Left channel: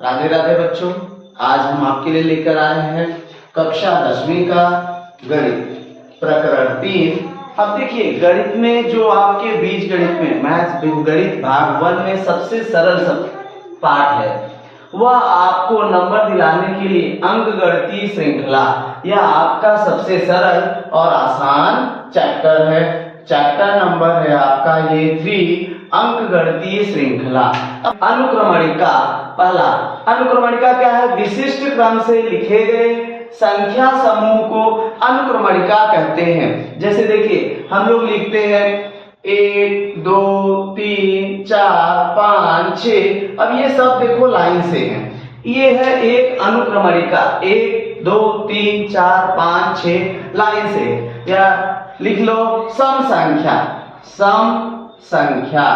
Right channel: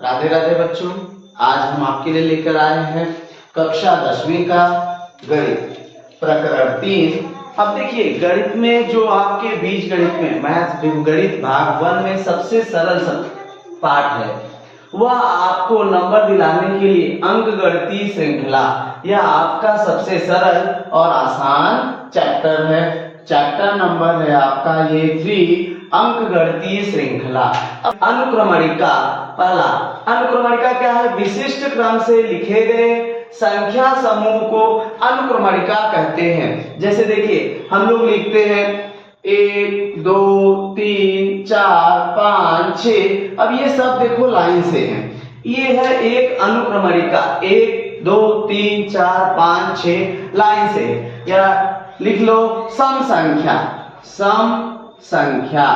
राधे राधे बच्चों, आज हम आपके लिए लेकर आए हैं कक्षा 10वीं का गणित प्रकरण 3। अब देखिए, गणित में जो आपके बीज गणित में मैथ गणित भाग 1 में सबसे सरल पाठ है, वह आपको नंबर दिलाने के लिए अंक गणितीय श्रृंखला यह आपका सबसे सरल और आसान चैप्टर है। चैप्टर नंबर है आपका ये 3 अंक गणितीय श्रृंखला। अब अनुक्रमणिका, पहला अनुक्रमणिका क्या है? विशिष्ट क्रम से लिखे गए संख्या समूह को अनुक्रमणिका कहते हैं। जैसे देखिए, हम लोग लिखते हैं 1 2 3 4 5 6। अब ये सब देखो लाइन से हैं, ये है एक अनुक्रमणिका। 1 2 3 4 5 6 लाइन से। या लिख लो सम संख्या। सम संख्या,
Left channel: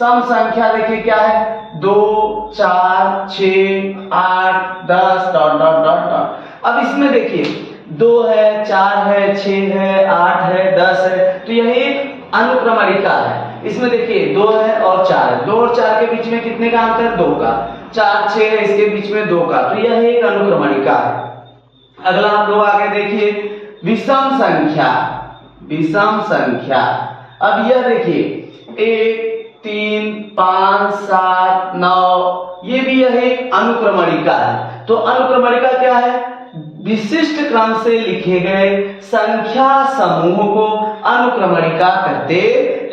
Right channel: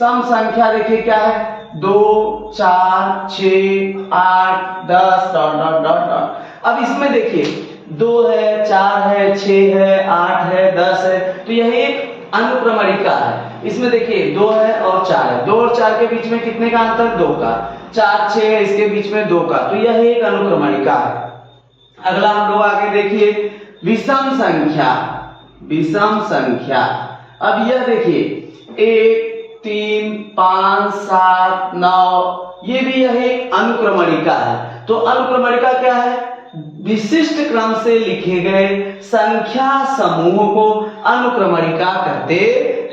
सम संख्या देखिए क्या है? 2 4 6 8 10 डॉट डॉट डॉट डॉट। अब इसमें देखिए 2 है, 4 है, 6 है, 8 है, 10 है, तो यह एक अनुक्रमणिका है। इसमें देखिए 2 है और 4 है, 2 और 4 के बीच में कितने का अंतर? 2 का। 4 6 है, इसके बीच में 2 का, तो यह एक अनुक्रमणिका है। अगला हम लोग आगे देखिए विषम संख्या। विषम संख्या, अब यह देखिए 1 3 5 7 9, ये भी यह एक अनुक्रमणिका है। तो अनुक्रमणिका क्या है? विशिष्ट क्रम से लिखे गए संख्या समूह को अनुक्रमणिका कहते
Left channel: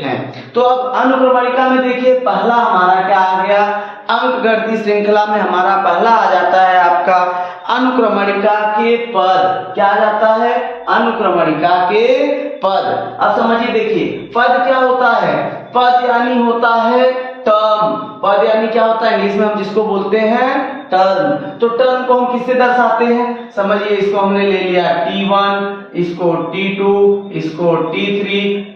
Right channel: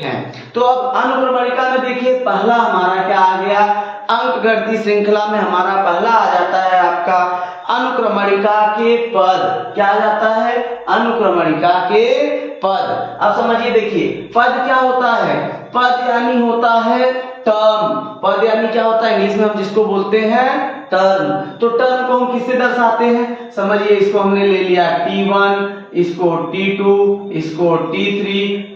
हैं। तो अब अनुक्रमणिका में देखिए पहला हमारा क्या आ गया? अंक गणितीय श्रृंखला में हमारा पहला आ जाता है आपका अनुक्रमणिका के पद। क्या आ जाता है? अनुक्रमणिका के पद। अब समझिए, देखिए पद क्या होता है? पद यानी होता है टर्म। पद यानी क्या होता है? इंग्लिश में हम जिसको बोलते हैं टर्म। तो टर्म को हम किससे दर्शाते हैं? समझिए, इसको हमने ले लिया T1, इसको T2, इसको T3,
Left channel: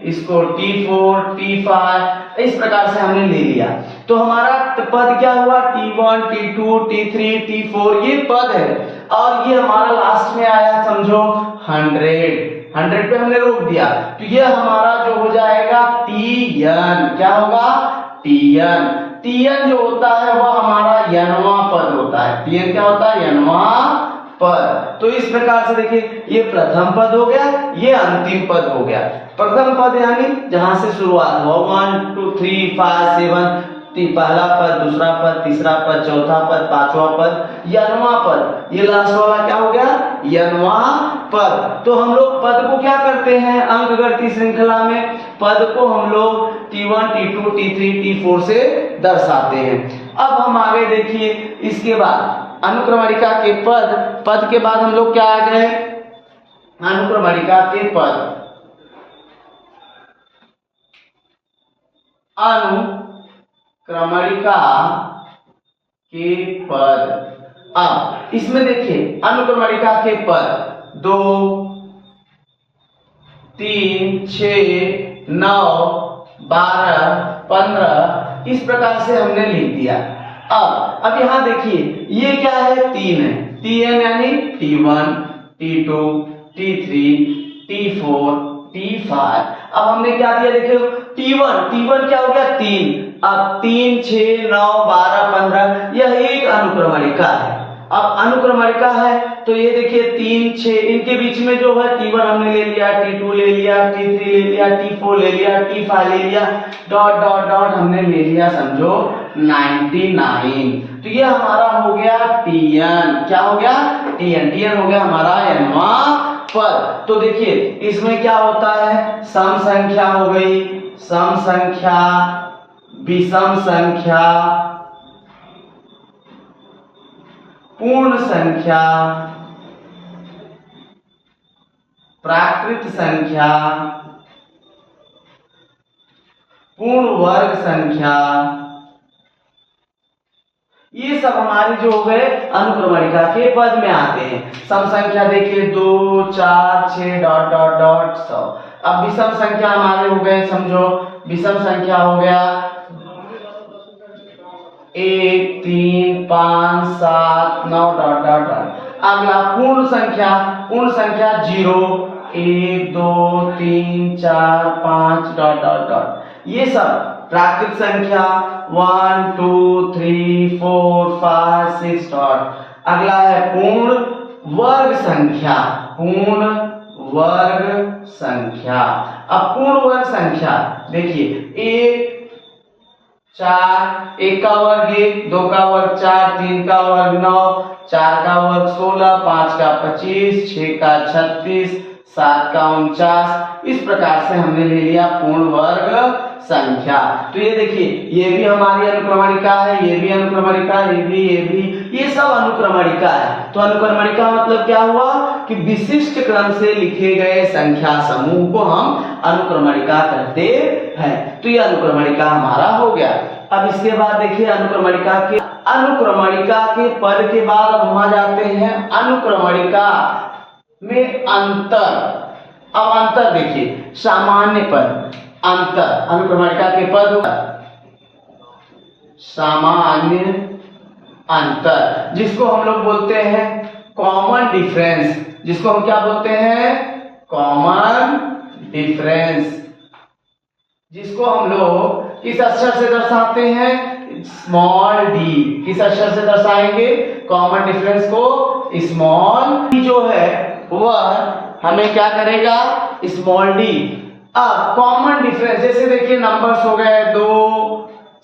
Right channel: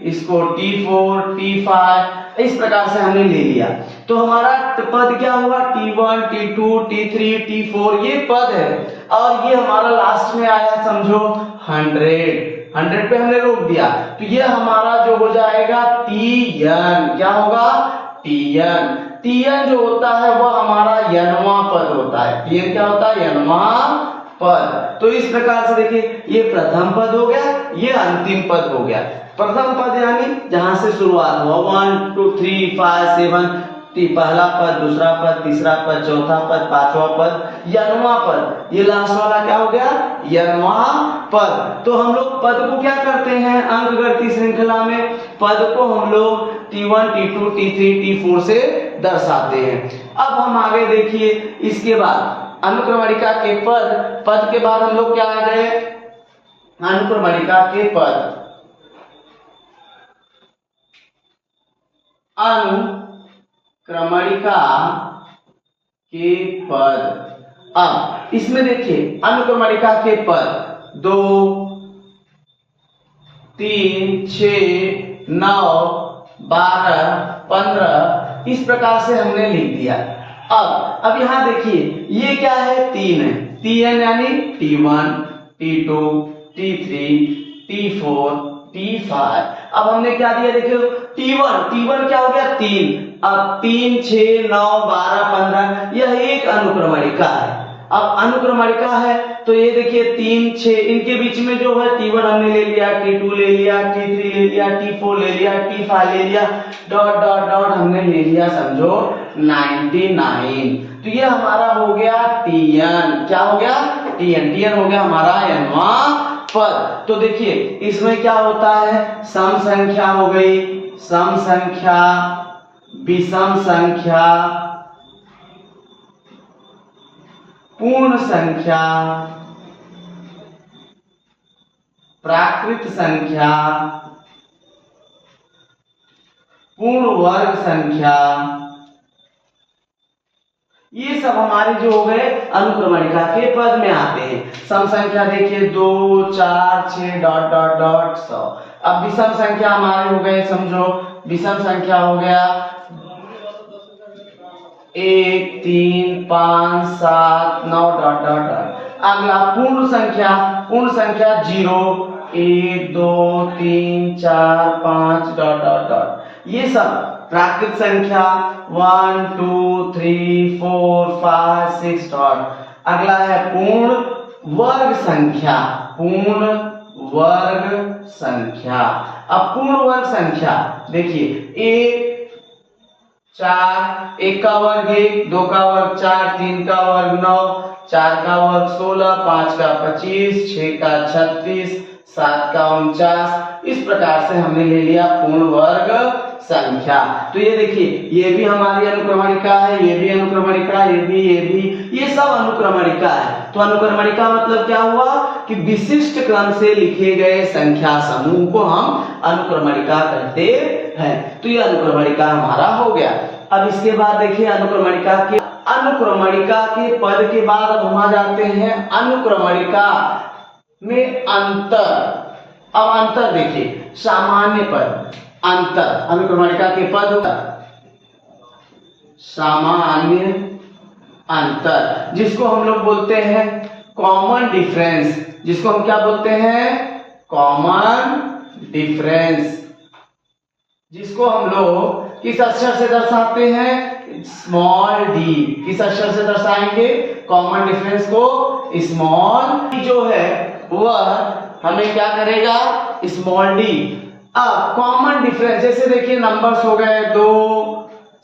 इसको T4, T5, इस प्रकार से हमने ले लिया। तो हमारा पद क्या हुआ? T1, T2, T3, T4, ये पद है। और ये हमारा लास्ट में आया, समझो 100 पे हमने रोक दिया, तो ये हमारा जो हो जाएगा Tn। क्या होगा? Tn। Tn जो होता है वह हमारा n वां पद होता है। Tn क्या होता है? n वां पद। तो इस प्रकार से देखिए, ये प्रथम पद हो गया, ये अंतिम पद हो गया। प्रथम पद यानी जहां से शुरुआत हुआ 1 2 3 5 7, पहला पद, दूसरा पद, तीसरा पद, चौथा पद, पांचवा पद, n वां पद। ये लास्ट वाला क्या हो गया? n वां पद। तो हम लोग पद को क्या करते हैं अंक गणितीय श्रृंखला में? पद को हम लोग T1, T2, T3, T4 से दर्शाते हैं। अब हम आगे देखिए, इसके बाद अनुक्रमणिका के पद, पद के बाद हम लोग क्या आ गए? अनुक्रमणिका के पद। अनुक्रमणिका के पद। अब इसमें देखिए अनुक्रमणिका के पद 2 3 6 9 12 15 इस प्रकार से हमने लिख दिया। अब यहाँ देखिए ये क्या है? 3 है। Tn यानी T1, T2, T3, T4, T5। अब हमने क्या दिया? देखिए T1 क्या हो गया? 3। अब 3 6 9 12 15 यह एक अनुक्रमणिका है। अब अनुक्रमणिका है तो ये देखिए 3 6, इनके बीच में जो है T1 हमने ले लिया, T2 ले लिया, T3 ले लिया, T4 ले लिया, T5 ले लिया, डॉट डॉट डॉट हमने ले लिया, समझो 99। तो ये हमारा हो गया Tn। क्या हो गया? Tn हो गया हमारा n वां पद। तो देखिए इसमें क्या होता है? सम संख्या हो गई, सम संख्या, विषम संख्या, पूर्ण संख्या, प्राकृत संख्या, पूर्ण वर्ग संख्या, ये सब हमारे जो हो गए अनुक्रमणिका के पद में आते हैं। सम संख्या देखिए 2 4 6 डॉट डॉट डॉट 100। अब विषम संख्या हमारे हो गए, समझो विषम संख्या हो गया 1 3 5 7 9 डॉट डॉट डॉट। अगला पूर्ण संख्या 0 1 2 3 4 5 डॉट डॉट डॉट। ये सब प्राकृत संख्या 1 2 3 4 5 6 डॉट। अगला है पूर्ण वर्ग संख्या, पूर्ण वर्ग संख्या। अब पूर्ण वर्ग संख्या देखिए 1 4, 1 का वर्ग 1, 2 का वर्ग 4, 3 का वर्ग 9, 4 का वर्ग 16, 5 का 25, 6 का 36, 7 का 49। इस प्रकार से हमने ले लिया पूर्ण वर्ग संख्या। तो ये देखिए ये भी हमारी अनुक्रमणिका है, ये भी अनुक्रमणिका, ये भी, ये सब अनुक्रमणिका है। तो अनुक्रमणिका मतलब क्या हुआ कि विशिष्ट क्रम से लिखे गए संख्या समूह को हम अनुक्रमणिका कहते हैं। तो ये अनुक्रमणिका हमारा हो गया। अब इसके बाद देखिए अनुक्रमणिका के पद के बाद अब हम आ जाते हैं अनुक्रमणिका में अंतर। अब अंतर देखिए सामान्य पद, अंतर अनुक्रमणिका के पद, सामान्य अंतर जिसको हम लोग बोलते हैं कॉमन डिफरेंस, जिसको हम क्या बोलते हैं कॉमन डिफरेंस, जिसको हम लोग किस अक्षर से दर्शाते हैं स्मॉल डी। किस अक्षर से दर्शाएंगे कॉमन डिफरेंस को स्मॉल डी जो है वह हमें क्या करेगा स्मॉल डी। अब कॉमन डिफरेंस जैसे देखिए नंबर्स हो गए 2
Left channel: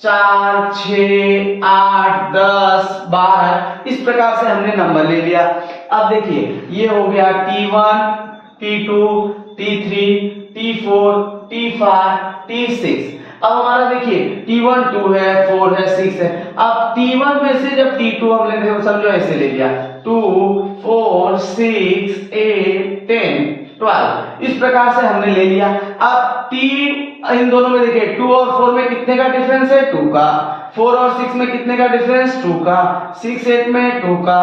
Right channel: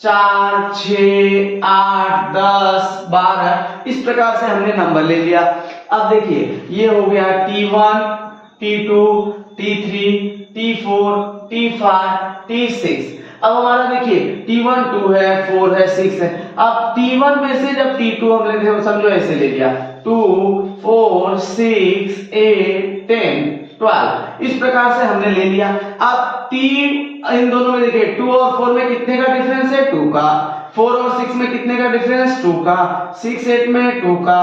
4 6 8 10 12, इस प्रकार से हमने नंबर ले लिया। अब देखिए ये हो गया T1 T2 T3 T4 T5 T6। अब हमारा देखिए T1 2 है 4 है 6 है। अब T1 में से जब T2 हम लेते हैं समझो ऐसे ले लिया 2 4 6 8 10 12, इस प्रकार से हमने ले लिया। अब इन दोनों में देखिए 2 और 4 में कितने का डिफरेंस है 2 का, 4 और 6 में कितने का डिफरेंस 2 का, 6 8 में 2 का,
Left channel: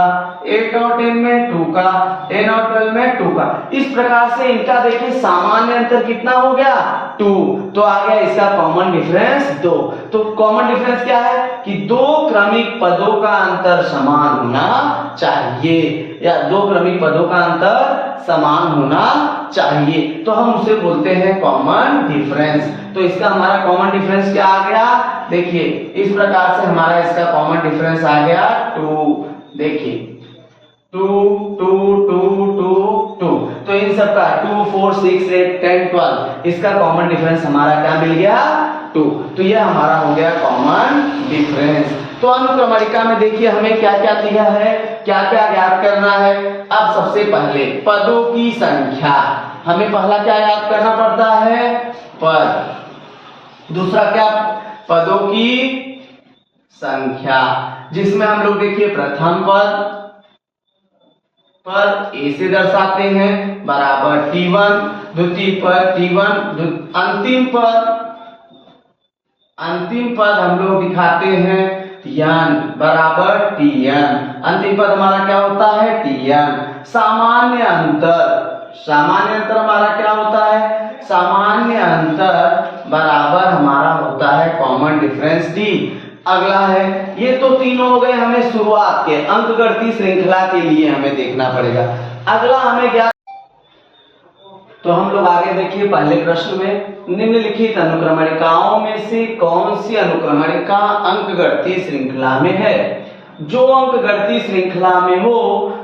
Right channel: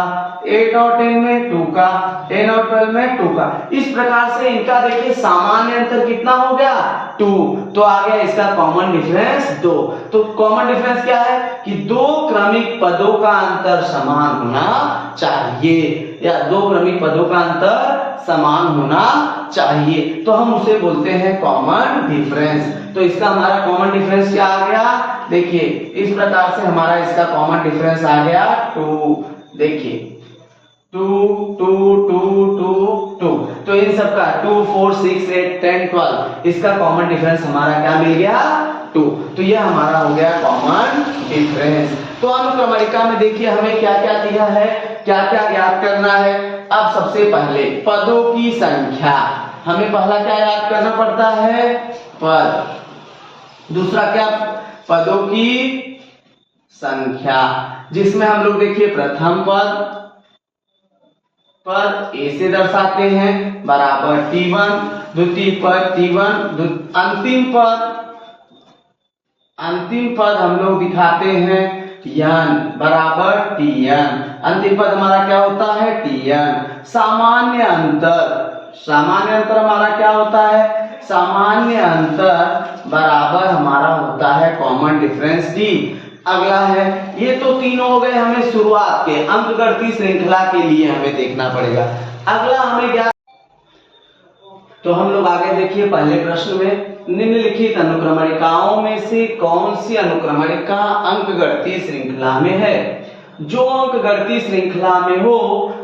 8 और 10 में 2 का, 10 और 12 में 2 का। इस प्रकार से इनका देखिए सामान्य अंतर कितना हो गया 2। तो आ गया इसका कॉमन डिफरेंस 2। तो कॉमन डिफरेंस क्या है कि दो क्रमिक पदों का अंतर समान होना चाहिए, या दो क्रमिक पदों का अंतर समान होना चाहिए, तो हम उसे बोलते हैं कॉमन डिफरेंस। तो इसका हमारा कॉमन डिफरेंस क्या आ गया देखिए इस प्रकार से हमारा इसका कॉमन डिफरेंस आ गया 2। देखिए 2 2 2 2 2, तो इन सब का 2 4 6 8 10 12, इसका कॉमन डिफरेंस हमारा क्या मिल गया 2। तो यह हमारा हो गया कॉमन डिफरेंस। तो अनुक्रमणिका में देखिए हमें क्या क्या दिया है, क्या क्या ज्ञात करना है। अब सबसे पहले पदों की संख्या, हमें पहला क्या याद करना पड़ता है पद, दूसरा क्या पदों की संख्या, जिसमें हम लोग देखिए प्रथम पद ए से दर्शाते हैं बराबर T1, द्वितीय पद T1, अंतिम पद हम लोग दिखाते हैं Tn बराबर Tn। अंतिम पद हमारा क्या होता है Tn। सामान्य अंतर हमारा क्या होता है सामान्य अंतर बराबर हमारा होता है कॉमन डिफरेंस D। अगला है, ये तो तीनों हो गए हमें शुरुआत के अंकगणितीय श्रृंखला के लिए हमें देखना पड़ेगा। अगला हमें क्या, तो हम लोग आगे देखिए पहले प्रश्न में निम्नलिखित अनुक्रमणिकाओं में से कौन सी अनुक्रमणिका अंकगणितीय श्रृंखला में है। जो अंकगणितीय श्रृंखला में हो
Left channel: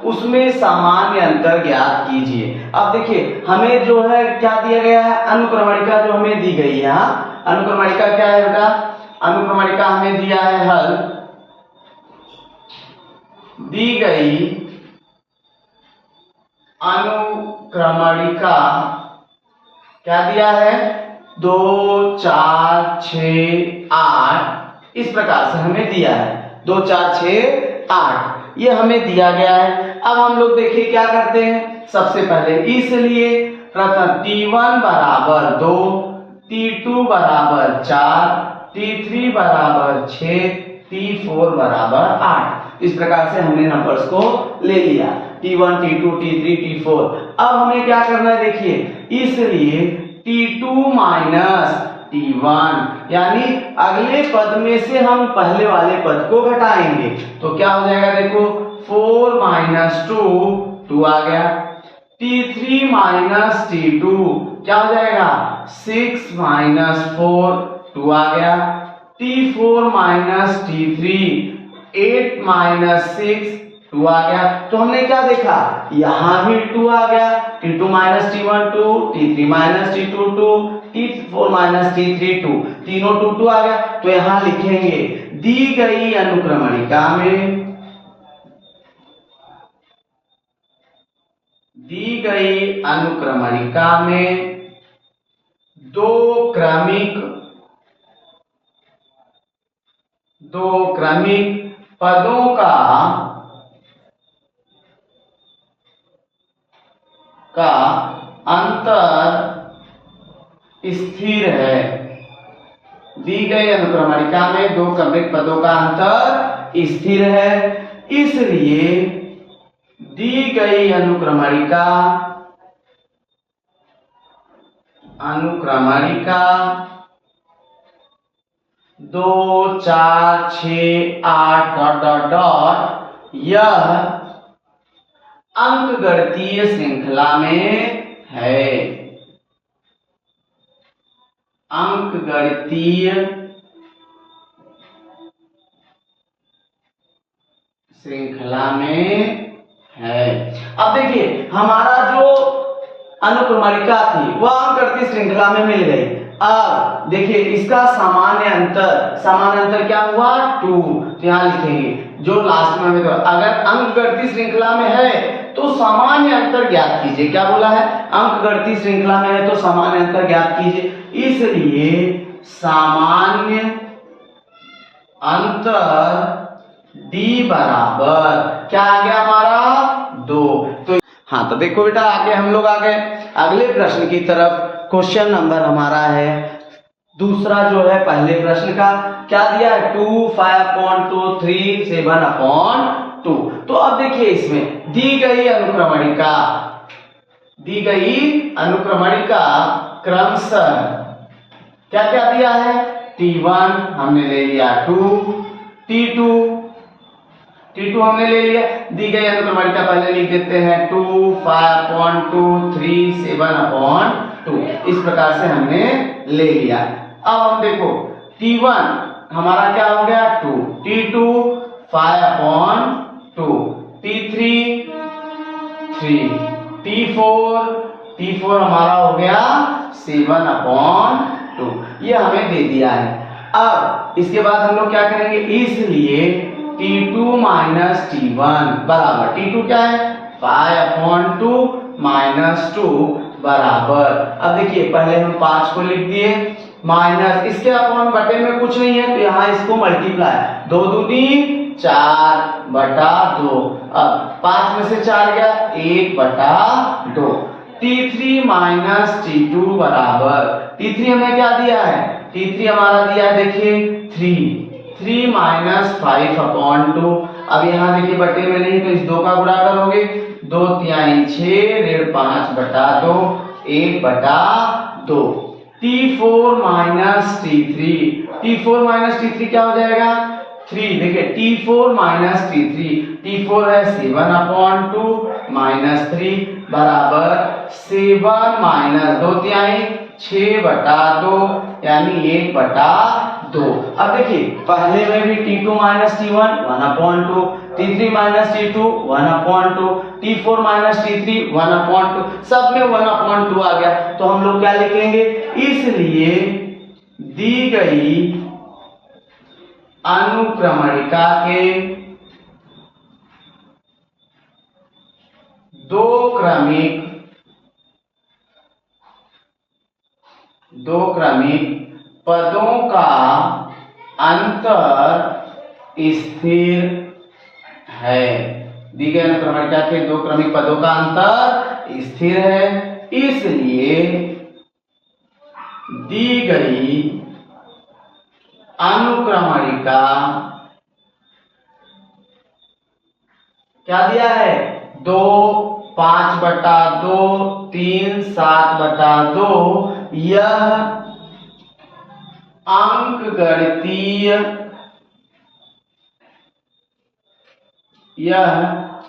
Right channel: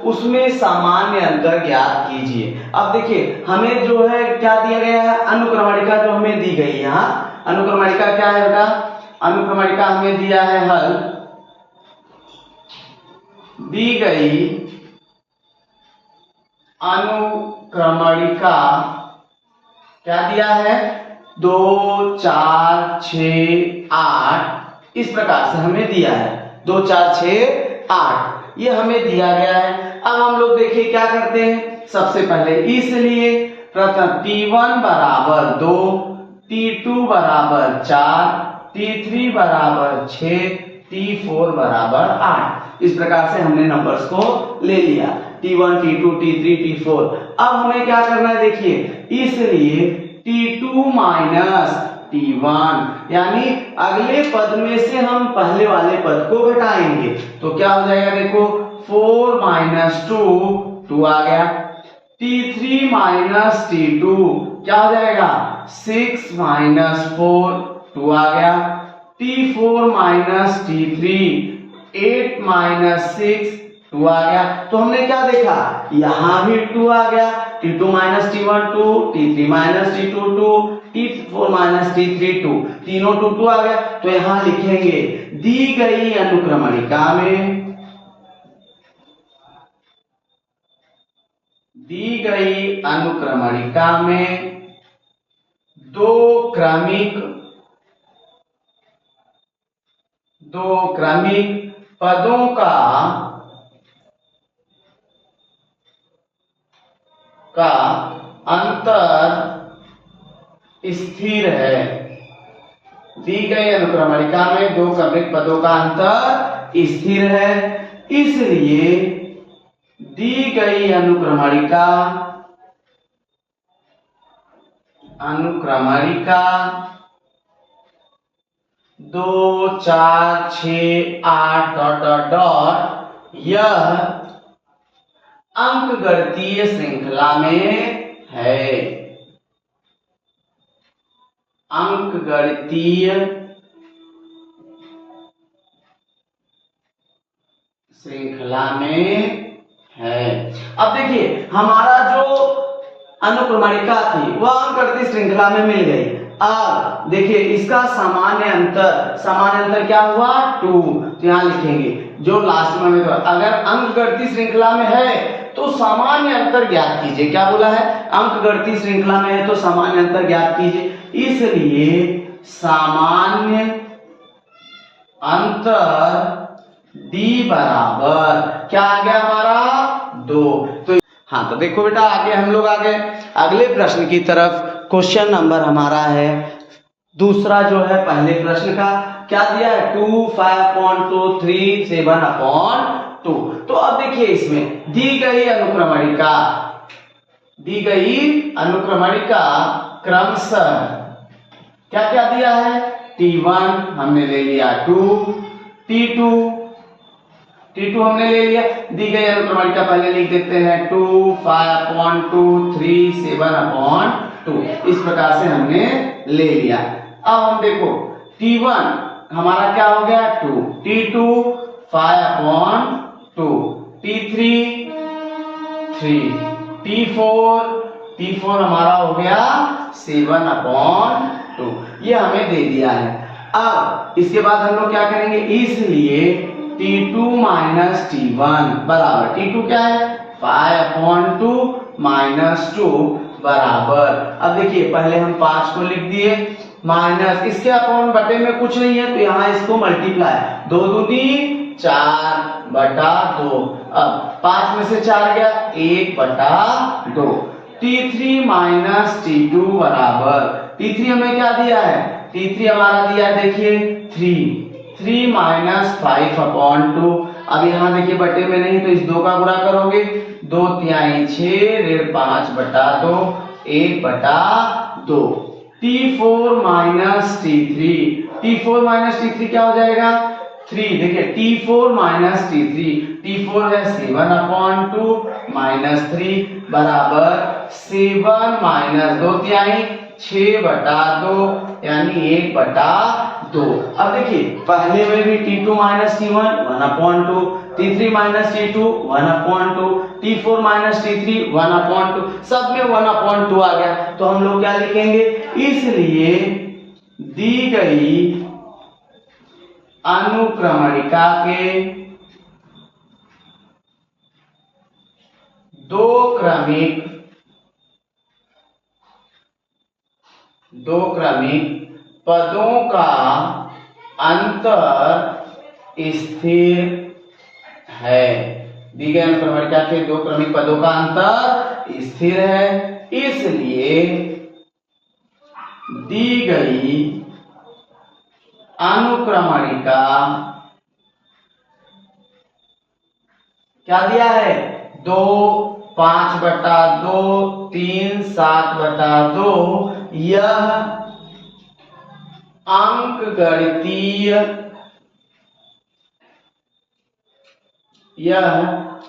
उसमें सामान्य अंतर ज्ञात कीजिए। अब देखिए हमें जो है क्या दिया गया है अनुक्रमणिका जो हमें दी गई है, यहाँ अनुक्रमणिका क्या है बेटा, अनुक्रमणिका हमें दिया है हल, दी गई अनुक्रमणिका क्या दिया है 2 4 6 8, इस प्रकार से हमें दिया है 2 4 6 8, ये हमें दिया गया है। अब हम लोग देखिए क्या करते हैं, सबसे पहले इसलिए प्रथम T1 बराबर 2, T2 बराबर 4, T3 बराबर 6, T4 बराबर 8, इस प्रकार से हमने नंबर्स को ले लिया T1 T2 T3 T4। अब हमें क्या करना है देखिए, इसलिए T2 माइनस T1, यानी अगले पद में से हम पहले वाले पद को घटाएंगे तो क्या हो जाएगा देखो 4 माइनस 2 2 आ गया, T3 माइनस T2 क्या हो जाएगा 6 माइनस 4 2 आ गया, T4 माइनस T3 8 माइनस 6 2 आ गया। तो हमने क्या देखा, यहां भी 2 आ गया, T2 minus T1 2, T3 minus T2 2, T4 minus T3 2, तीनों 2 2 आ गया। तो यहां लिखेंगे दी गई अनुक्रमणिका में, दी गई अनुक्रमणिका में दो क्रमिक पदों का अंतर स्थिर है। दी गई अनुक्रमणिका में दो क्रमिक पदों का अंतर स्थिर है, इसलिए दी गई अनुक्रमणिका 2 4 6 8 डॉट डॉट डॉट यह अंकगणितीय श्रृंखला में है, अंकगणितीय श्रृंखला में है। अब देखिए हमारा जो अनुक्रमणिका थी वह अंकगणितीय श्रृंखला में मिल गई। अब देखिए इसका सामान्य अंतर क्या हुआ 2, तो यहां लिखेंगे जो लास्ट में, तो अगर अंकगणितीय श्रृंखला में है तो सामान्य अंतर ज्ञात कीजिए। क्या बोला है, अंकगणितीय श्रृंखला में है तो सामान्य अंतर ज्ञात कीजिए, इसलिए सामान्य अंतर d बराबर क्या आ गया हमारा 2। तो हाँ, तो देखो बेटा आगे हम लोग आ गए अगले प्रश्न की तरफ। क्वेश्चन नंबर हमारा है दूसरा जो है पहले प्रश्न का, क्या दिया है 2 5/2 3 7/2। तो अब देखिए इसमें दी गई अनुक्रमणिका क्रमशः क्या क्या दिया है, T1 हमने ले लिया 2, T2 हमने ले लिया। दी गई अनुक्रमणिका पहले लिख देते हैं 2 5/2 3 7/2, इस प्रकार से हमने ले लिया। अब हम देखो T1 हमारा क्या हो गया 2, T2 5/2, T3 3, T4 हमारा हो गया 7/2, ये हमें दे दिया है। अब इसके बाद हम लोग क्या करेंगे, इसलिए T2 माइनस T1 बराबर, T2 क्या है 5/2 माइनस 2 बराबर। अब देखिए पहले हम 5 को लिख दिए, माइनस इसके अपॉन बटे में कुछ नहीं है तो यहाँ इसको मल्टीप्लाई, 2 दूनी 4/2, अब 5 में से 4 गया 1/2। T3 माइनस T2 बराबर, T3 हमें क्या दिया है, T3 हमारा दिया है देखिए 3 माइनस 5/2। अब यहाँ देखिए बटे में नहीं तो इस 2 का गुणा करोगे, 2 तिहाई 6 5/2 1/2। T4 माइनस T3 क्या हो जाएगा 3, देखिए T4 माइनस T4 है 7/2 माइनस 3 बराबर 7 माइनस 2 तिहाई 6/2 यानी 1/2। अब देखिए पहले में भी T2 minus T1 1/2, T3 minus T2 1/2, T4 minus T3 1/2, सब में 1/2 आ गया। तो हम लोग क्या लिखेंगे, इसलिए दी गई अनुक्रमणिका के दो क्रमिक पदों का अंतर स्थिर है। दी गई अनुक्रमणिका के दो क्रमिक पदों का अंतर स्थिर है, इसलिए दी गई अनुक्रमणिका क्या दिया है 2 5/2 3 7/2, यह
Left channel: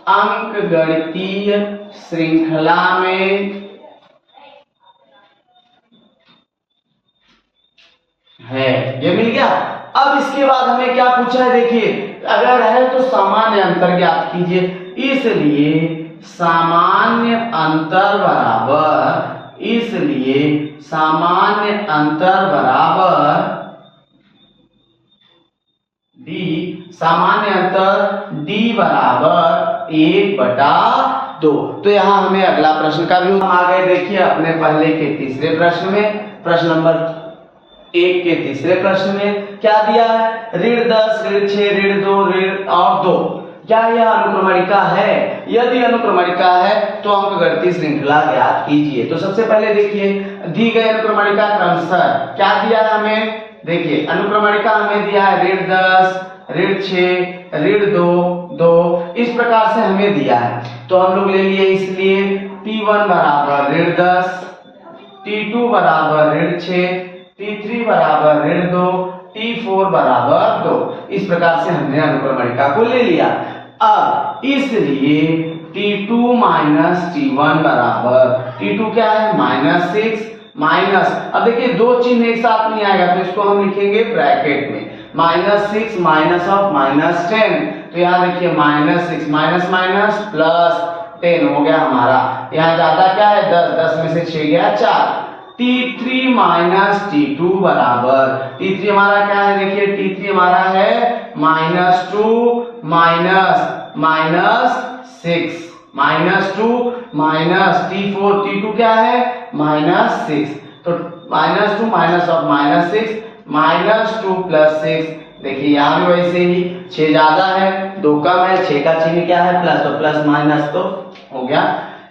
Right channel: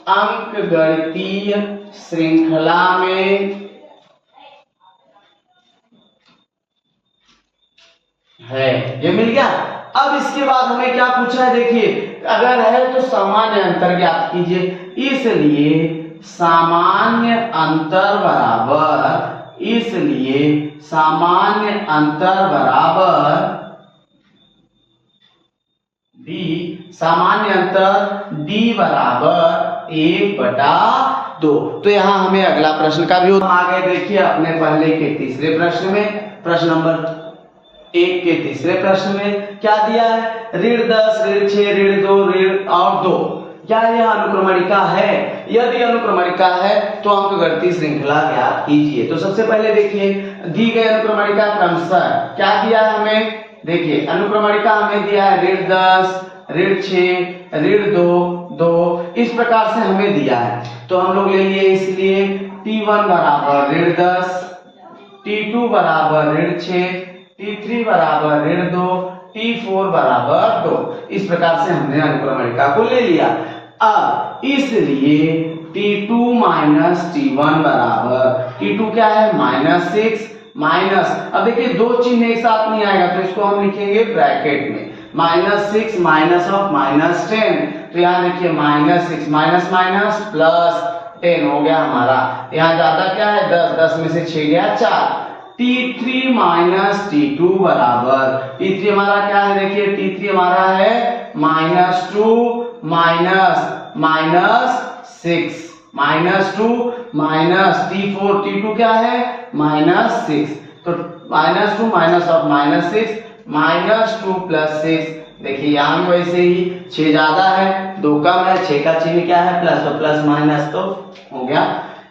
अंकगणितीय श्रृंखला में है, ये मिल गया। अब इसके बाद हमें क्या पूछा है, देखिए अगर है तो सामान्य अंतर ज्ञात कीजिए, इसलिए सामान्य अंतर बराबर डी, सामान्य अंतर डी बराबर 1/2। तो यहाँ हमें अगला प्रश्न का भी आ गए। देखिए अपने पहले के तीसरे प्रश्न में, प्रश्न नंबर 1 के तीसरे प्रश्न में क्या दिया है, ऋण 10, ऋण 6, ऋण 2, ऋण और 2। क्या यह अनुक्रमणिका है? यदि अनुक्रमणिका है तो अंकगणितीय श्रृंखला ज्ञात कीजिए। तो सबसे पहले देखिए दी गई अनुक्रमणिका क्रमशः क्या दिया है हमें, देखिए अनुक्रमणिका हमें दिया है ऋण 10, ऋण 6, ऋण 2, इस प्रकार से हमें दिया है। तो हम लोग ले लिए, इसलिए T1 बराबर ऋण 10, T2 बराबर ऋण 6, T3 बराबर ऋण 2, T4 बराबर 2। इस प्रकार से हमने अनुक्रमणिका को ले लिया। अब इसलिए T2 माइनस T1 बराबर, T2 क्या है -6 माइनस, अब देखिए दो चिन्ह एक साथ नहीं आएगा तो इसको हम लिखेंगे ब्रैकेट में, -6 माइनस ऑफ -10। तो यहाँ देखिए -6 माइनस माइनस प्लस 10 हो गया हमारा। यहाँ ज्यादा क्या है 10, 10 में से 6 गया 4। T3 माइनस T2 बराबर, T3 हमारा क्या है, देखिए T3 हमारा है -2 माइनस 6 -2 माइनस T2 क्या है -6। तो -2 माइनस ऑफ -6 -2 प्लस 6। देखिए यहाँ भी वैसे ही 6 ज्यादा है 2 कम है, 6 का चिन्ह क्या है प्लस, तो प्लस माइनस तो हो गया।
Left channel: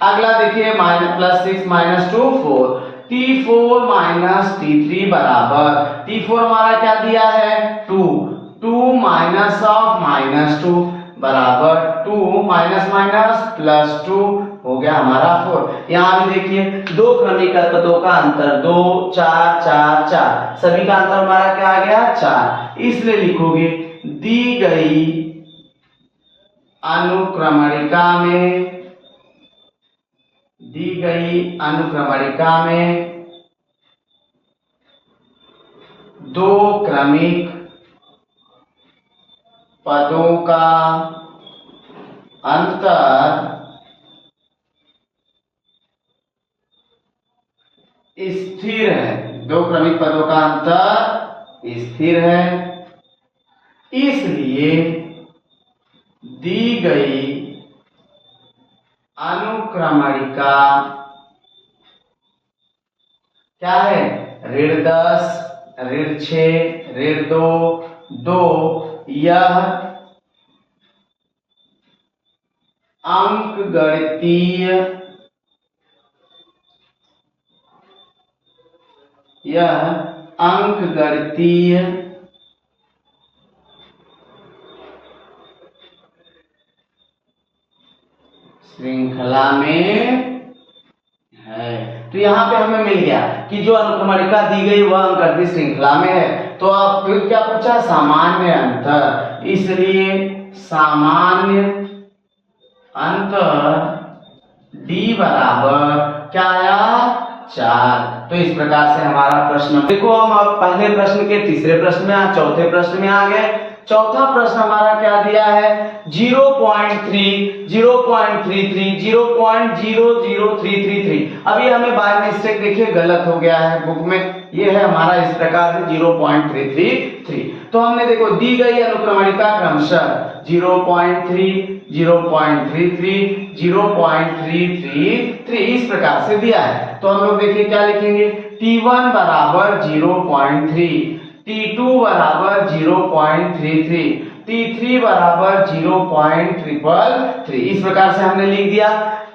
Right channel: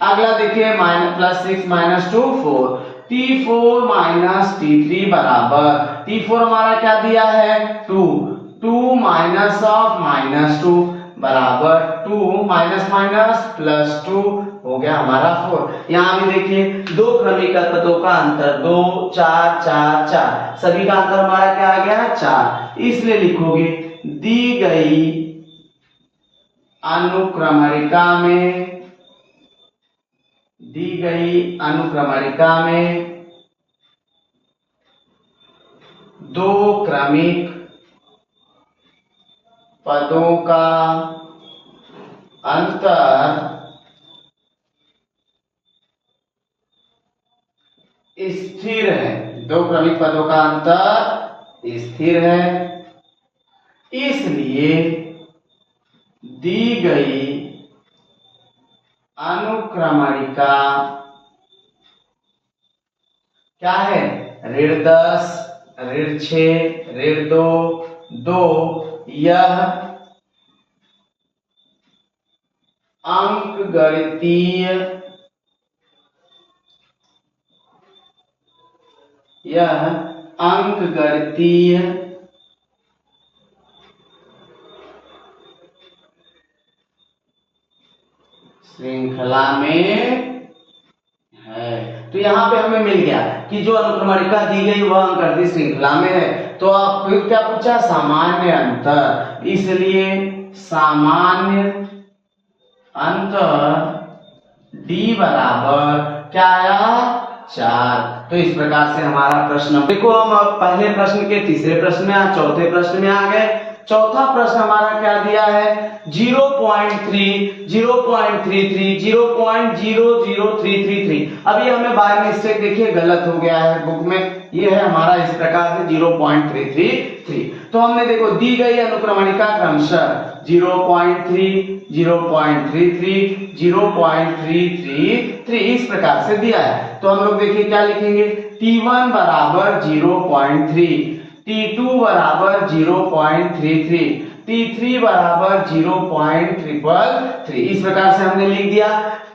अगला देखिए +6 -2 4, T4 माइनस T3 बराबर, T4 हमारा क्या दिया है 2 माइनस ऑफ -2 बराबर 2 माइनस माइनस प्लस 2 हो गया हमारा 4। यहाँ भी देखिए दो क्रमिक पदों का अंतर 2 4 4 4, सभी का अंतर हमारा क्या आ गया 4। इसलिए लिखोगे दी गई अनुक्रमणिका में दो क्रमिक पदों का अंतर स्थिर है, दो क्रमिक पदों का अंतर स्थिर है, इसलिए दी गई अनुक्रमणिका क्या है, ऋण 10, ऋण 6, ऋण 2, यह अंकगणितीय श्रृंखला में है। तो यहाँ पे हमें मिल गया कि जो अनुक्रमणिका दी गई वह अंकगणितीय श्रृंखला में है। तो आप फिर क्या पूछा, सामान्य अंतर, इसलिए सामान्य अंतर D बराबर क्या आया 4। तो इस प्रकार से हमारा प्रश्न, देखो हम पहले प्रश्न के तीसरे प्रश्न में चौथे प्रश्न में आ गए। चौथा प्रश्न हमारा क्या दिया है 0.3 0.33 0.00333। अभी हमें बाय मिस्टेक देखिए गलत हो गया है बुक में, ये है हमारा इस प्रकार से 0.333। तो हमने देखो दी गई अनुक्रमणिका क्रमशः 0.3 0.33 0.333 इस प्रकार से दिया है। तो हम लोग देखिए क्या लिखेंगे, T1 बराबर 0.3, T2 बराबर 0.33, T3 बराबर 0.333। इस प्रकार से हमने लिख दिया।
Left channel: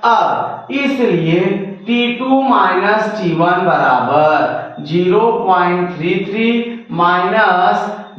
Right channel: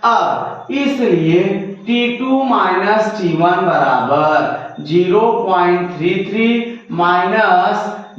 अब इसलिए T2 माइनस T1 बराबर 0.33 माइनस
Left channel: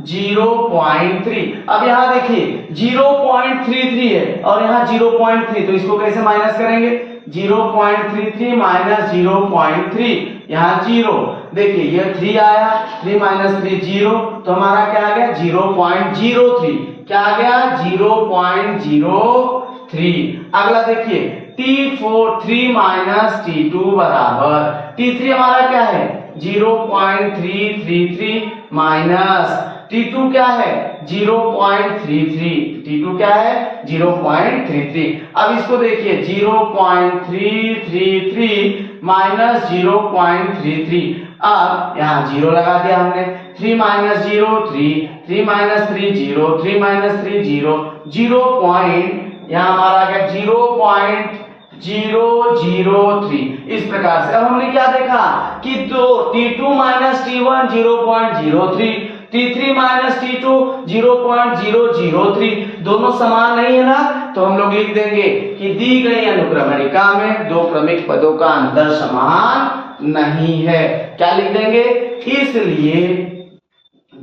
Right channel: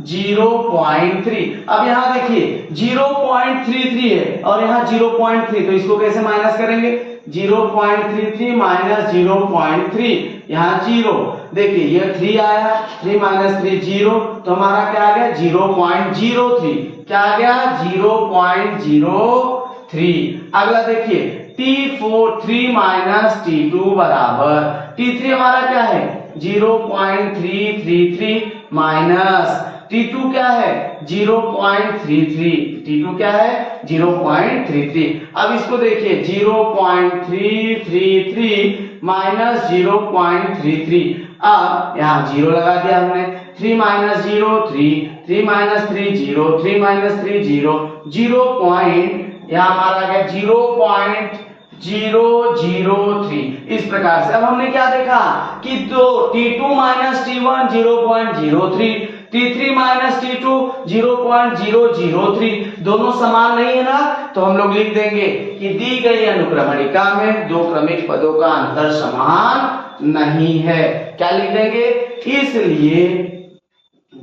0.3। अब यहाँ देखिए 0.33 है और यहाँ 0.3, तो इसको कैसे माइनस करेंगे, 0.33 माइनस 0.3, यहाँ 0, देखिए ये 3 आया, 3 माइनस 3 0, तो हमारा क्या आ गया 0.03, क्या आ गया 0.03। अगला देखिए T4 3 माइनस T2 बराबर, T3 हमारा क्या है 0.333 माइनस T2 क्या है 0.33, T2 क्या है 0.33। अब इसको देखिए 0.333 माइनस 0.33, अब यहाँ 0 लगा दिया हमने, 3 माइनस 0 3, 3 माइनस 3 0, 3 माइनस 3 0, 0 पॉइंट यहाँ हमारा आ गया 0.003। इस प्रकार से अब हमने क्या देखा कि दो T2 minus T1 0.03, T3 minus T2 0.003, दोनों समान नहीं है ना, तो हम लोग लिख देंगे कि दी गई अनुक्रमणिका में दो क्रमिक पदों का अंतर समान नहीं है। क्या लिख देंगे, इसलिए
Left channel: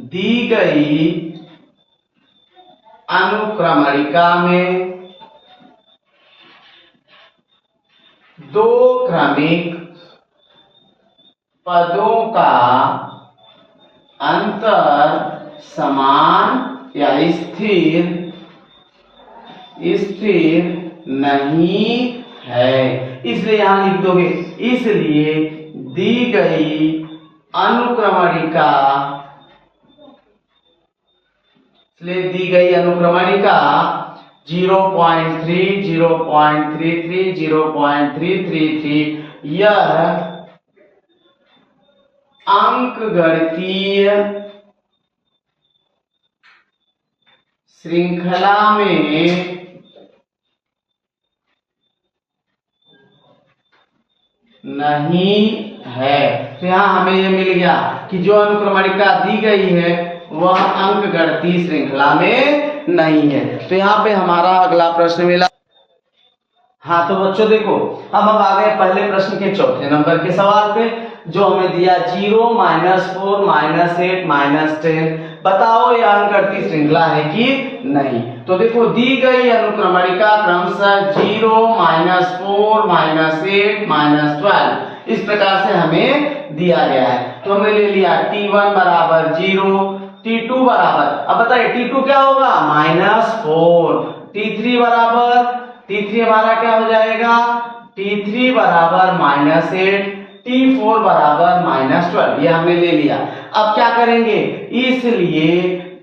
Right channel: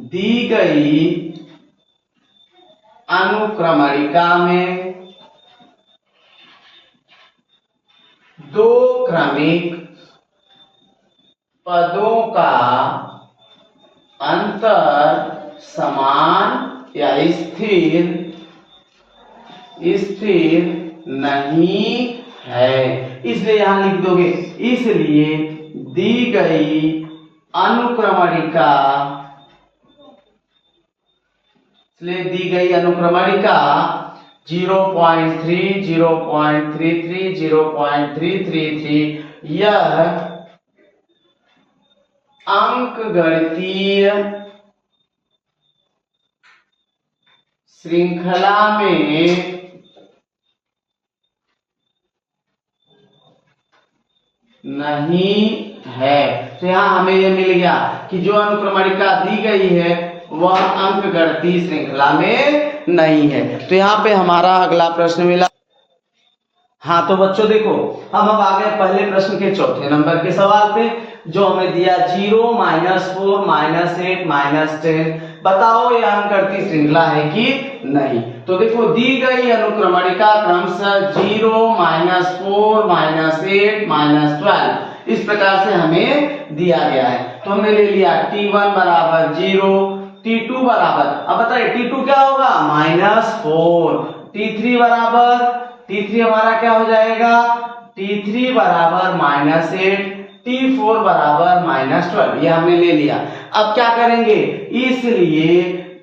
दी गई अनुक्रमणिका में दो क्रमिक पदों का अंतर समान या स्थिर नहीं है। इसलिए यहां लिख दोगे, इसलिए दी गई अनुक्रमणिका 0.3, 0.33, 0.333 यह अंकगणितीय श्रृंखला में नहीं है। तो यहां हमें यह मिल गया कि जो अनुक्रमणिका दी गई है वह अंकगणितीय श्रृंखला में नहीं है। तो यहाँ पे हमारा अगला प्रश्न मिला। हाँ तो बच्चों देखो, अब हम आ गए पहले प्रश्न के चौथे नंबर के सवाल पे, जो हमें दिया 0, -4, -8, -10, बताओ यह अंकगणितीय श्रृंखला है कि नहीं। तो देखो दी गई अनुक्रमणिका क्रमशः 0, -4, -8, -12 इस प्रकार से हमें दिया गया है। तो हमने ले लिया T1 बराबर 0, T2 बराबर, अब बताइए T2 क्या होगा -4, T3 बराबर, T3 हमारा क्या हो जाएगा T3 बराबर -8, T4 बराबर -12, ये हमने ले लिया। अब क्या करेंगे, इसलिए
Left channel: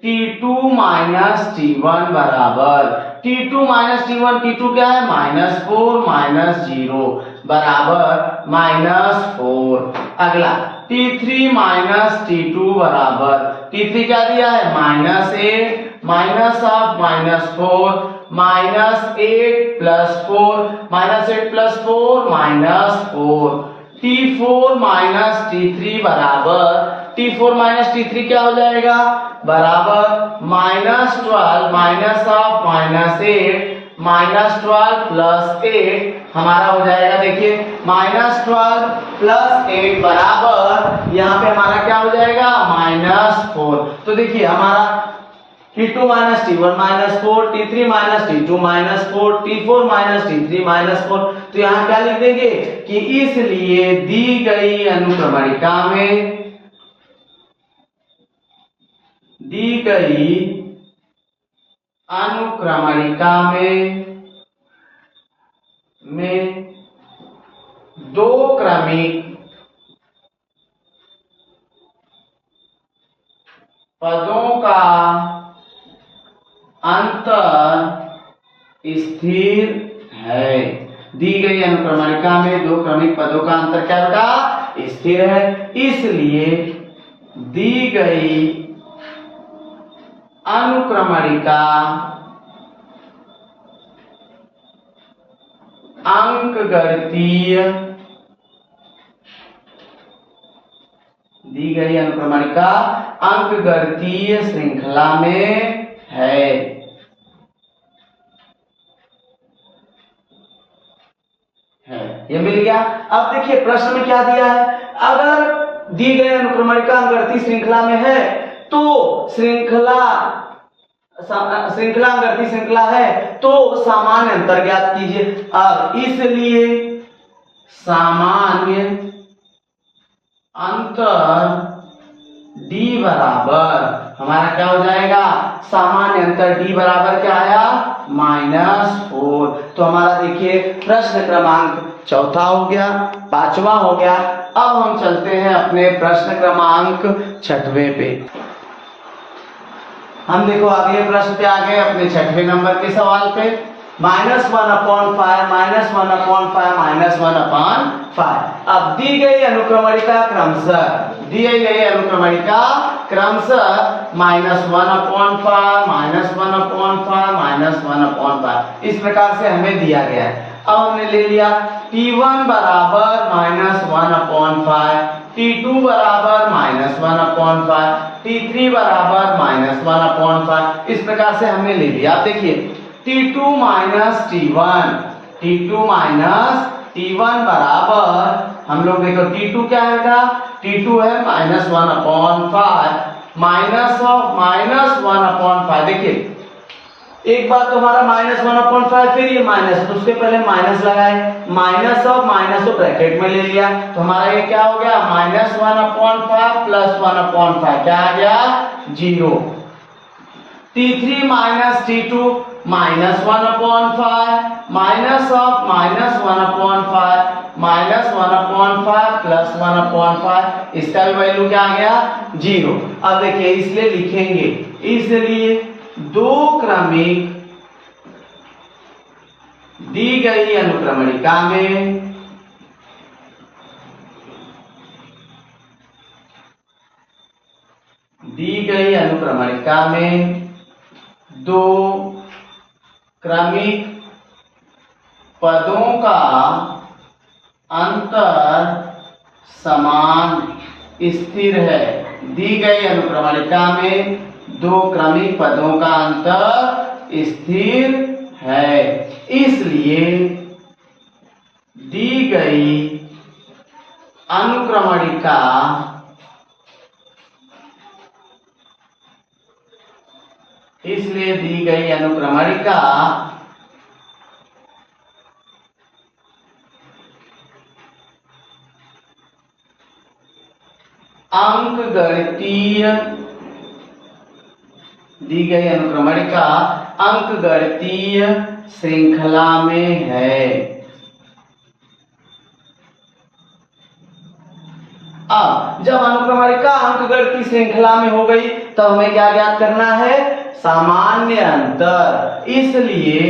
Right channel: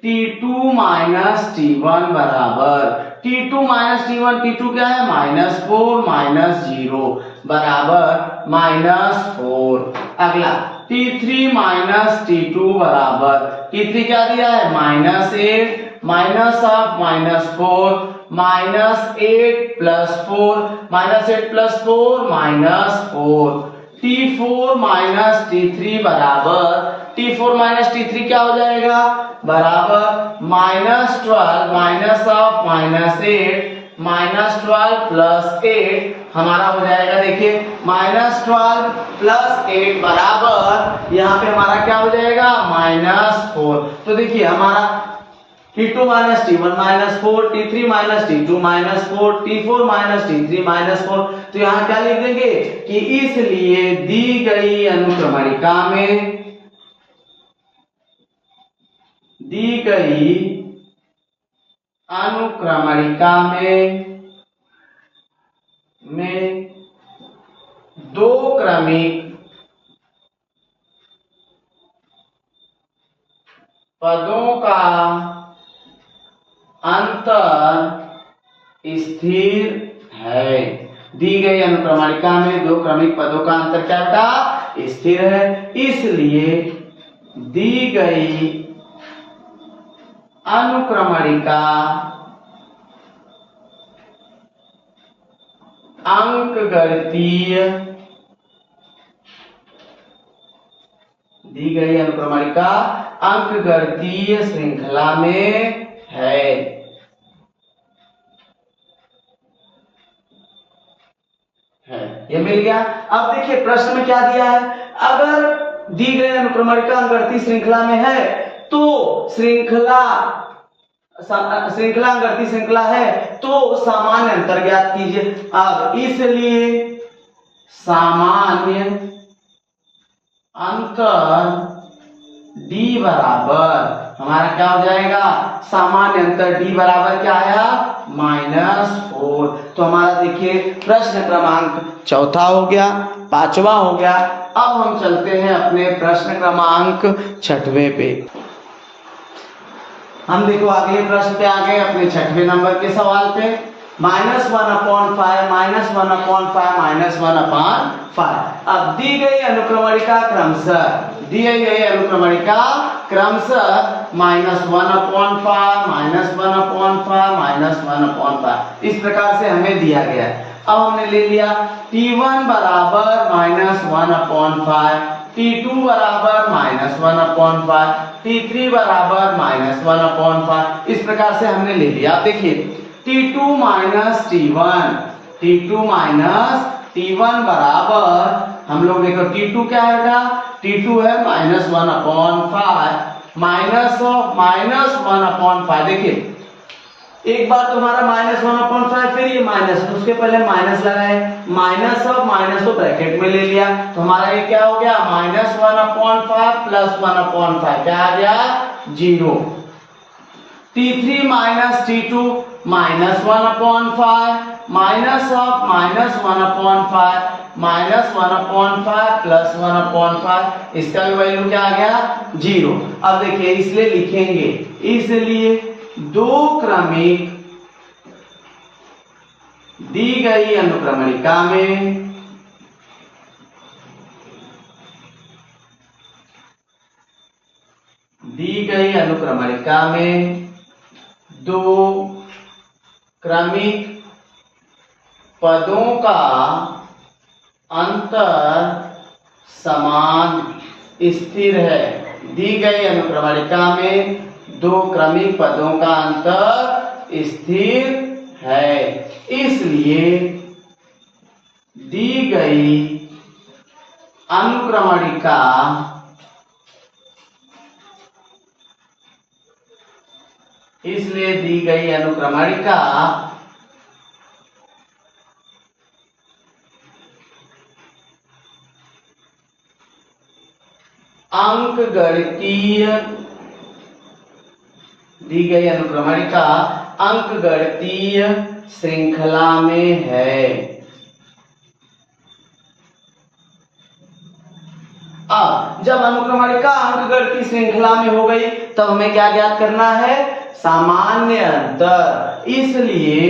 T2 माइनस T1 बराबर T2 माइनस T1, T2 क्या है -4 -0 बराबर -4। अगला T3 माइनस T2 बराबर, T3 क्या दिया है -8 minus of -4 -8 plus 4 -8 plus 4 -4। T4 minus T3 बराबर, T4 माइनस T3 क्या हो जाएगा बराबर -12 माइनस ऑफ -8 -12 प्लस 8 हमारा हो जाएगा, देखिए -12 प्लस 8 बराबर यहाँ पे हमारा क्या हो जाएगा -4। तो देखिए हमारा T2 minus T1 -4, T3 minus T2 -4, T4 minus T3 -4। तो यहाँ क्या लिख देंगे कि इसलिए दी गई अनुक्रमणिका में दो क्रमिक पदों का अंतर स्थिर है। दी गई अनुक्रमणिका में दो क्रमिक पदों का अंतर क्या बेटा स्थिर है, इसलिए दी गई अनुक्रमणिका अंकगणितीय श्रृंखला में है। ये मिल गया। अब देखिए प्रश्न में क्या दिया है, अगर दी गई अनुक्रमणिका अंकगणितीय श्रृंखला में है तो अंकगणितीय श्रृंखला है तो सामान्य अंतर ज्ञात कीजिए। अब इसलिए सामान्य अंतर d बराबर हमारा क्या हो जाएगा, सामान्य अंतर d बराबर क्या आया, -4। तो हमारा देखिए प्रश्न क्रमांक चौथा हो गया, पांचवा हो गया। अब हम चलते हैं अपने प्रश्न क्रमांक छठवें पे। हम देखो अगले प्रश्न पे आ गए, अपने छठवें नंबर के सवाल पे। -1/5 -1/5 अब दी गई अनुक्रमणिका क्रमशः -1/5 इस प्रकार से हमें दिया गया है। अब हमने ले लिया t1 बराबर -1/5, t2 बराबर -1/5, t3 बराबर -1/5 इस प्रकार से हमने ले लिया। आप देखिए t2 t1 बराबर हम लोग देखो t2 क्या है बेटा, t2 है -1/5 -1/5। देखिए एक बार तो हमारा -1/5 फिर ये माइनस, तो उसके पहले माइनस लगाए, माइनस और माइनस को ब्रैकेट में ले लिया, तो हमारा ये क्या हो गया, -1/5 + 1/5 क्या आ गया, 0। t3 t2 -1/5 -1/5 + 1/5 इसका भी वैल्यू क्या आ गया, 0। अब देखिए इसलिए लिखेंगे, इसलिए दो क्रमिक दी गई अनुक्रमणिका में दो क्रमिक पदों का अंतर समान स्थिर है। दी गई अनुक्रमणिका में दो क्रमिक पदों का अंतर स्थिर है, इसलिए दी गई अनुक्रमणिका अंकगणितीय श्रृंखला में है। अब जब अनुक्रमणिका अंकगणितीय श्रृंखला में हो गई तब हमें क्या ज्ञात करना है, सामान्य अंतर। इसलिए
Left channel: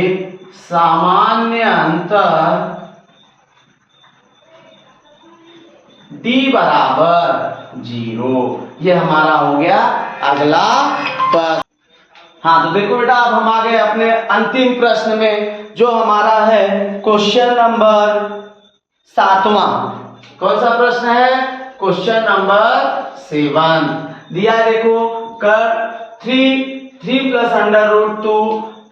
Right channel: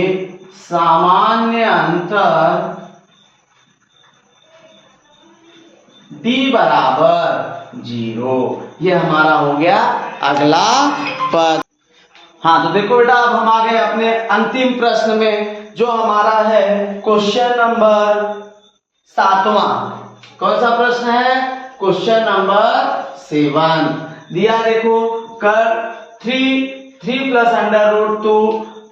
सामान्य अंतर d बराबर 0। ये हमारा हो गया अगला पद। हाँ तो देखो बेटा अब हम आ गए अपने अंतिम प्रश्न में, जो हमारा है क्वेश्चन नंबर 7वां। कौन सा प्रश्न है, क्वेश्चन नंबर 7 दिया है। देखो कर 3 + √2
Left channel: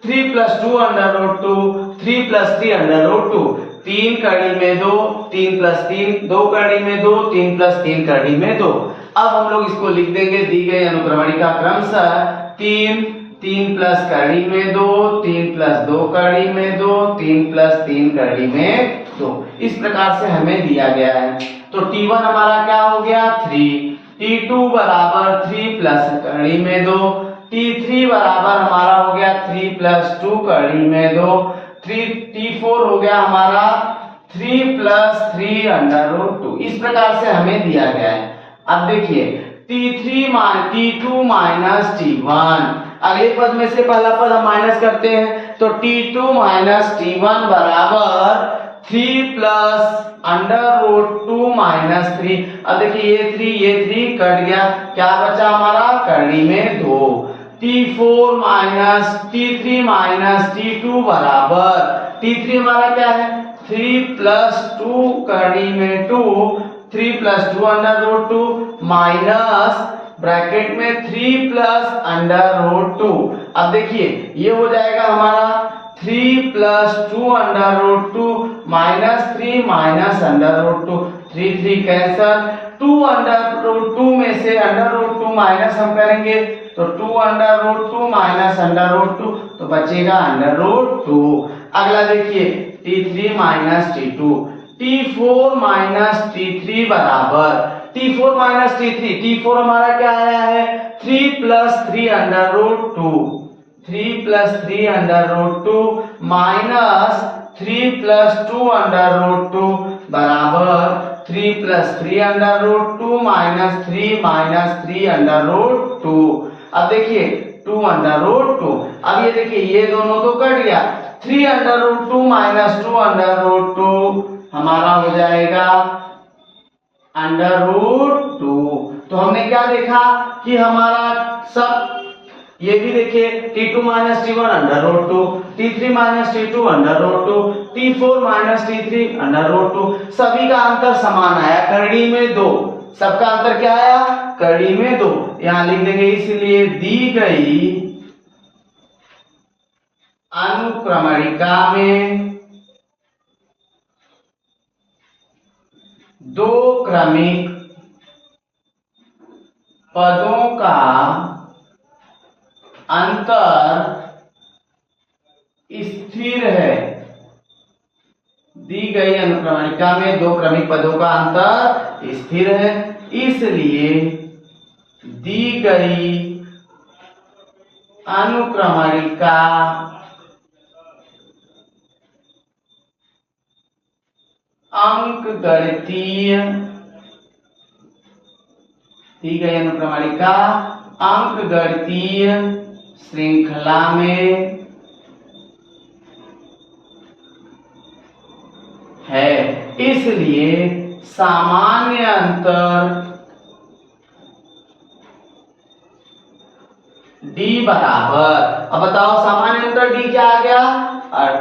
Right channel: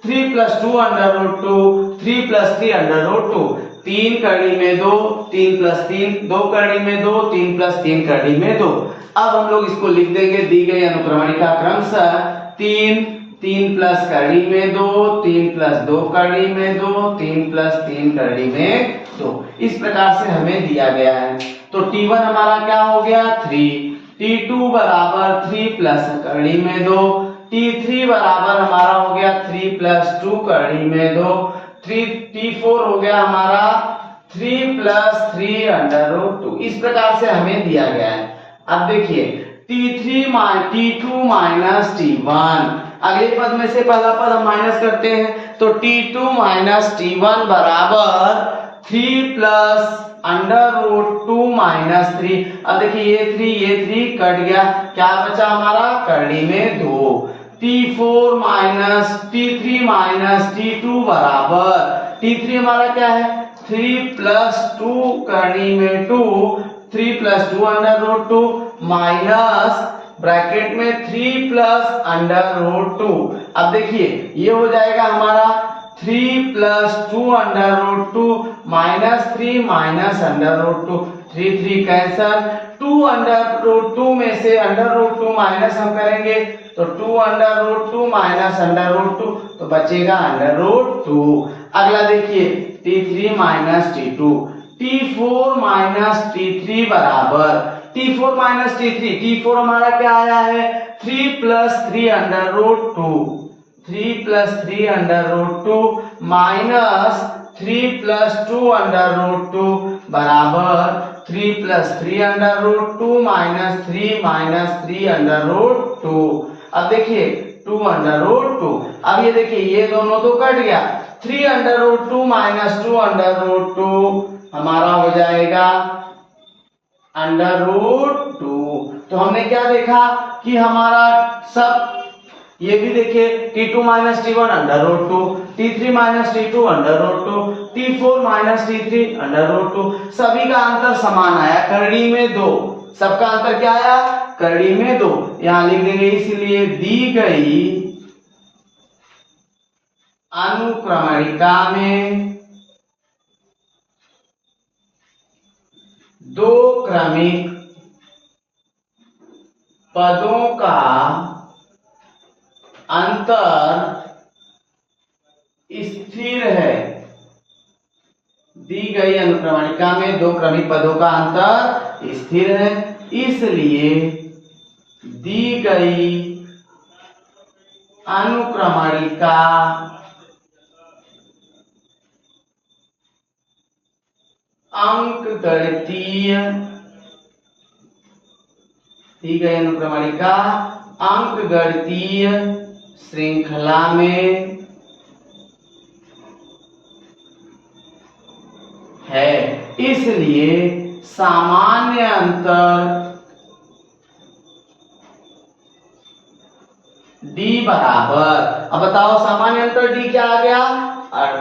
3 + 2 √2 3 + 3 √2 3 कड़ी में 2 3 + 3 2 कड़ी में 2 3 + 3 कड़ी में 2। अब हम लोग इसको लिख देंगे, दी गई अनुक्रमणिका क्रमशः 3 3 प्लस कड़ी में 2 3 + 2 कड़ी में 2 3 + 3 कड़ी में 2 इस प्रकार से हमें दिया गया है। तो t1 हमारा क्या हो गया 3, t2 बराबर 3 प्लस कड़ी में 2, t3 बराबर हमारा हो गया 3 + 2 कड़ी में 2, t4 हो गया हमारा 3 + 3 √2 इस प्रकार से हमें दिया गया है। अब देखिए t2 t1 अगले पद में से पहला पद हम माइनस करते हैं, तो t2 - t1 बराबर 3 + √2 - 3। अब देखिए ये 3 कट गया, क्या बचा हमारा कड़ी में 2। t3 - t2 बराबर t3 हमारा क्या है 3 + 2 कड़ी में 2 3 + 2 √2 माइनस ब्रैकेट में 3 + √2। अब देखिए ये हो जाएगा हमारा 3 + 2 √2 -3 -√2 3 3 कैंसल, 2 √2 में से √2 माइनस हम करेंगे तो 2 √2 -√2 तो बचेगा √2। अगला देखिए t3 - t2 t4 - t3 बराबर T4 माइनस T3, T4 हमारा क्या आया है 3 plus 3 under root 2, 3 plus 3 under root 2 minus 3 plus 2 under root 2 बराबर 3 plus 3 under root 2 minus 3 under root 2। अब देखिए 2 अंडर रूट 2, अब ये देखिए ये दोनों तो कट गया, 3 under root 2 minus 2 under root 2 हमारा हो जाएगा अंडर रूट 2। तो हमने क्या देखा कि हमारा सब, ये भी देखिए T2 minus T1 under root 2, T3 minus T2 under root 2, T4 minus T3 under root 2, सभी का अंतर समान आया, करड़ी में 2, सबका अंतर क्या आया करड़ी में 2, यहां लिख देंगे। इसलिए दी गई अनुक्रमणिका में दो क्रमिक पदों का अंतर स्थिर है। दी गई अनुक्रमणिका में दो क्रमिक पदों का अंतर स्थिर है, इसलिए दी गई अनुक्रमणिका अंकगणितीय, दी गई अनुक्रमणिका अंकगणितीय श्रृंखला में है, इसलिए सामान्य अंतर d बराबर, अब बताओ सामान्य अंतर d क्या आ गया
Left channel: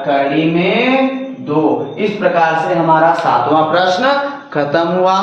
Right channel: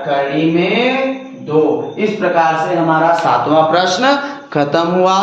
करड़ी में 2। इस प्रकार से हमारा 7वां प्रश्न खत्म हुआ।